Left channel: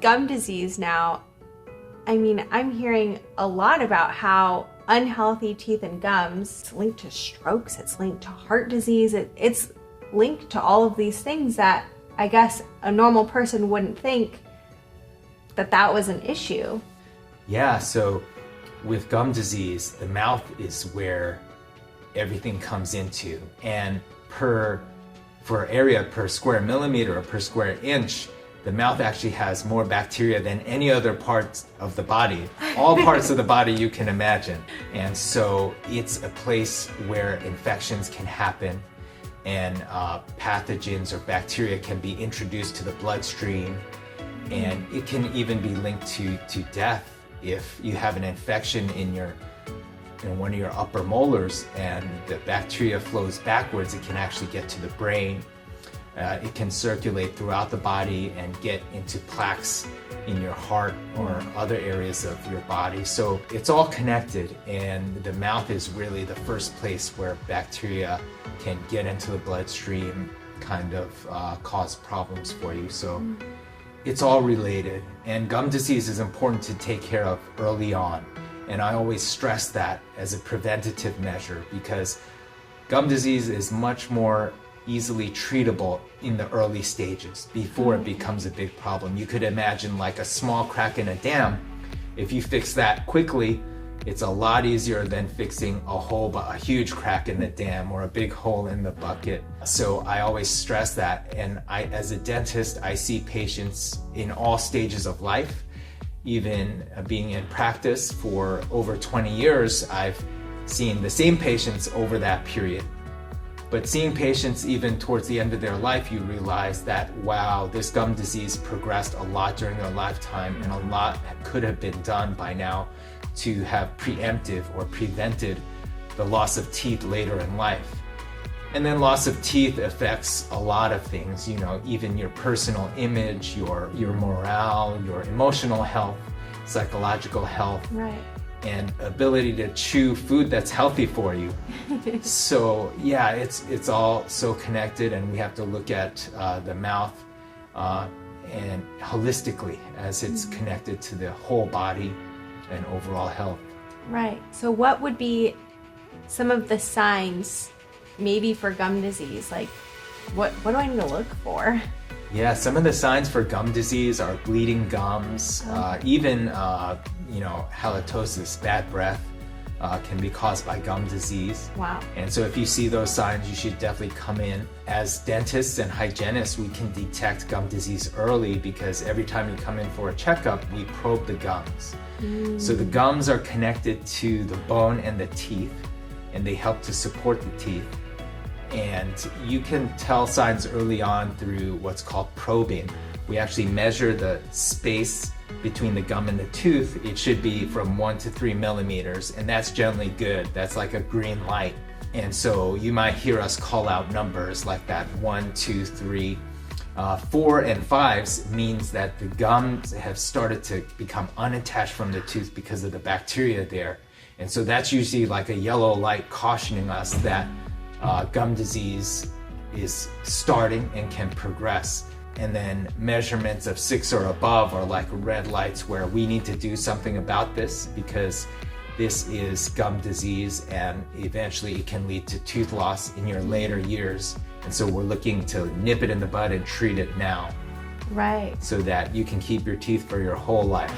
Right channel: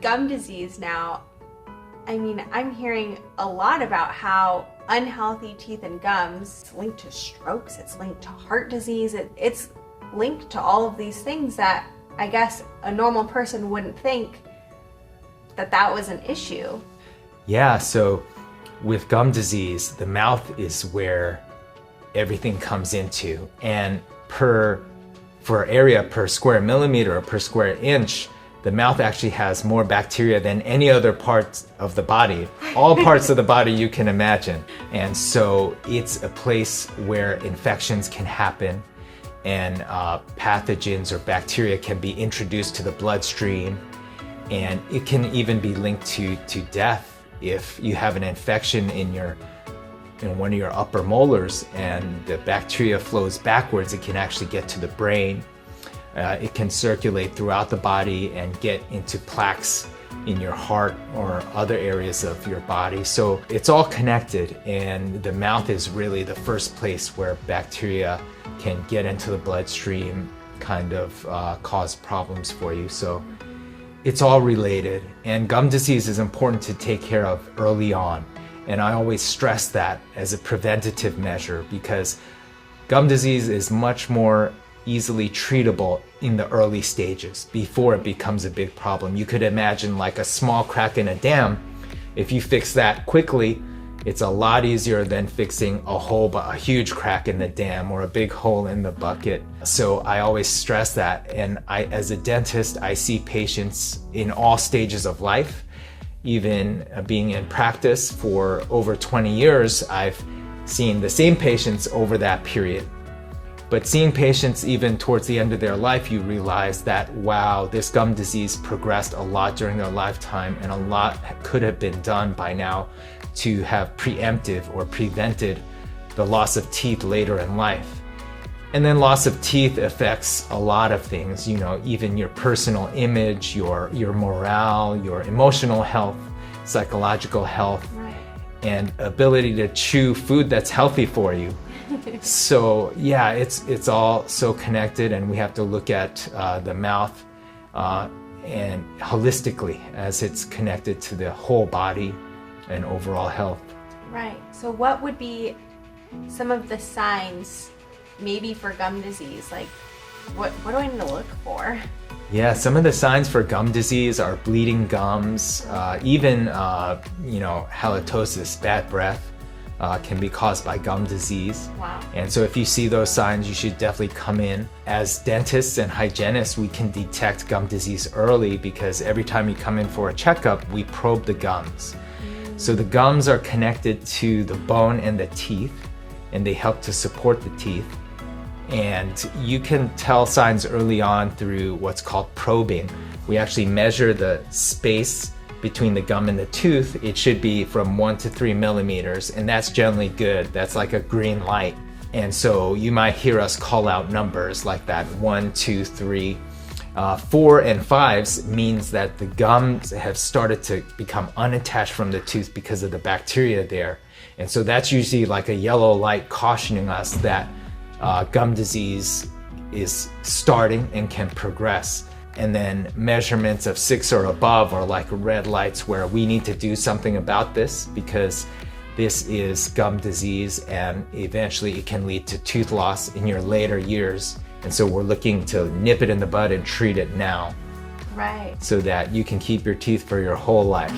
with gum disease now, I mean, I'm hearing a lot about how unhealthy teeth and gums, it's linked to strokes, it's linked to heart disease, it's linked to all of these things that I guess a normal person wouldn't think that was an issue. Yeah, so with gum disease, the mouth is where everything comes into, and for area per square millimeter or per square inch, the mouth actually has more bacteria than any other parts of the body, all parts of the body you can imagine. And so it's a place where infections can happen, and pathogens or bacteria can be introduced to the bloodstream, and it can even be linked to death if you have an infection in one of your upper molars and the bacteria flows backwards. It can actually get to the brain. It can circulate throughout the body and get into plaques in your heart or other areas of your body. So it's all connected, and the mouth is really the first place where bacteria can get into the bloodstream, kind of cause problems for you. So it's all related, and gum disease is important to take care of early on. And I always stress that as a preventative measure, because gum disease is much more easily treatable in the early stages before it becomes a big problem. You could imagine like a small crack in a dam. If you fix that quickly, it's a lot easier than fixing a huge crack in the dam or a big hole in the bucket. So I always stress that. And as a dentist, I see patients in all stages of life. Even being in practice for over 20 years, I've seen the same patients over that period. But seeing patients even towards the end of their life, you realize that, wow, this gum disease progressed a lot during their lifetime, and a lot could have been done by now to have preemptive or prevented the loss of teeth later in life. And then loss of teeth affects a lot of things, even your personal image, your morale, your emotional health, psychological health, Right. and ability to chew food that's healthy for you. So yeah, it's all so connected, and we have to look at the mouth and holistically as it's connected to the whole body and overall health. Right. So what would be some of the signs maybe for gum disease? Like what do I need to look for? Yeah, some of the signs for gum disease are bleeding gums, even halitosis, bad breath, can be caused by gum disease. Wow. And so if you see those signs, you should definitely come in. As dentists and hygienists, we can detect gum disease early, because every time you come in for a checkup, we probe the gums. So the gums are connected to the bone and the teeth, and they help to support the teeth. And you can tell signs early on through what's called probing. We actually measure the space between the gum and the tooth. It should be from 1 to 3 millimeters, and that's generally good. That's like a green light. And so you might hear us call out numbers like that, 1, 2, 3. 4 and 5s means that the gums have started to become unattached from the tooth because of the bacteria there. And so that's usually like a yellow light cautioning us that gum disease is starting and can progress. And then measurements of 6 or above are like red lights, where we need to do something about this, because this is gum disease, and eventually it can lead to tooth loss in your later years. And so we're looking to nip it in the bud and treat it now. Right. So that you can keep your teeth for your whole life.